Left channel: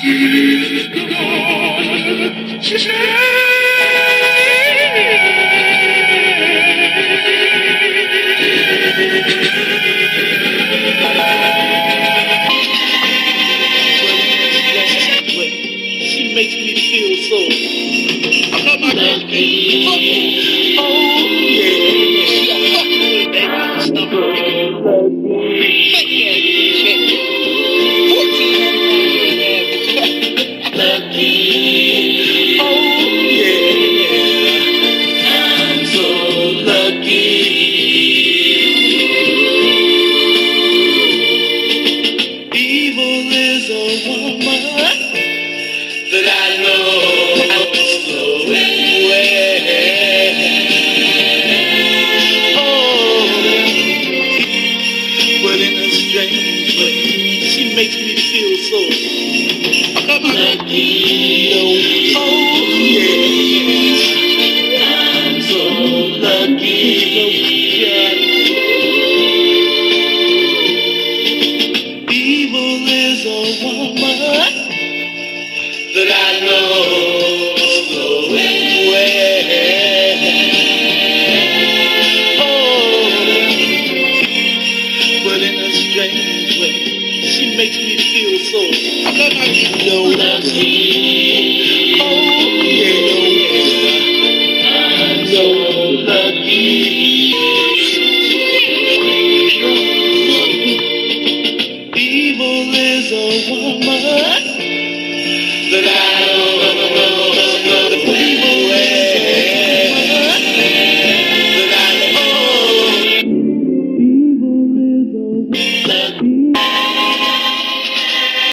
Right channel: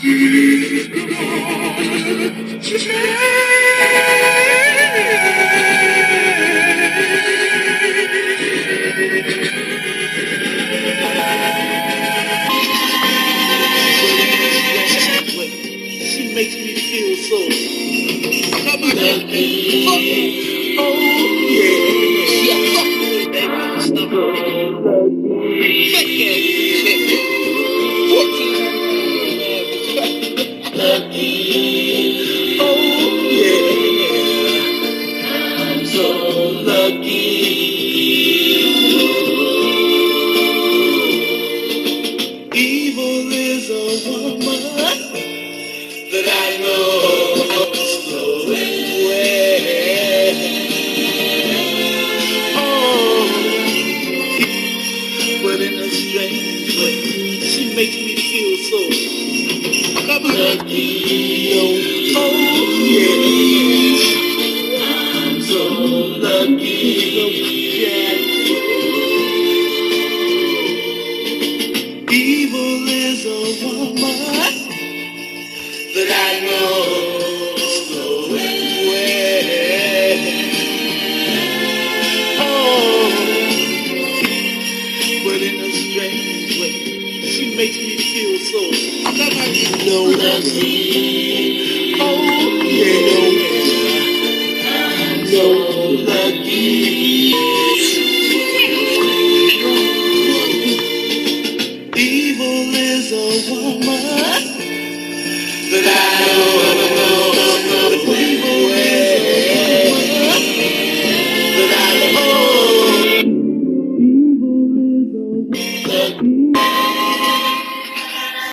She makes me feel so lucky. Oh yeah, I fuck with it, baby. Fuck that chick. 14 lucky. Oh yeah, I'm so lucky. Evil is a woman that I know so well. Oh, but in a strange way, she makes me feel so lucky. Oh, yeah, I'm so lucky. Yeah. Evil is a woman that I know so well. Oh, but in a strange way, she makes me feel so lucky.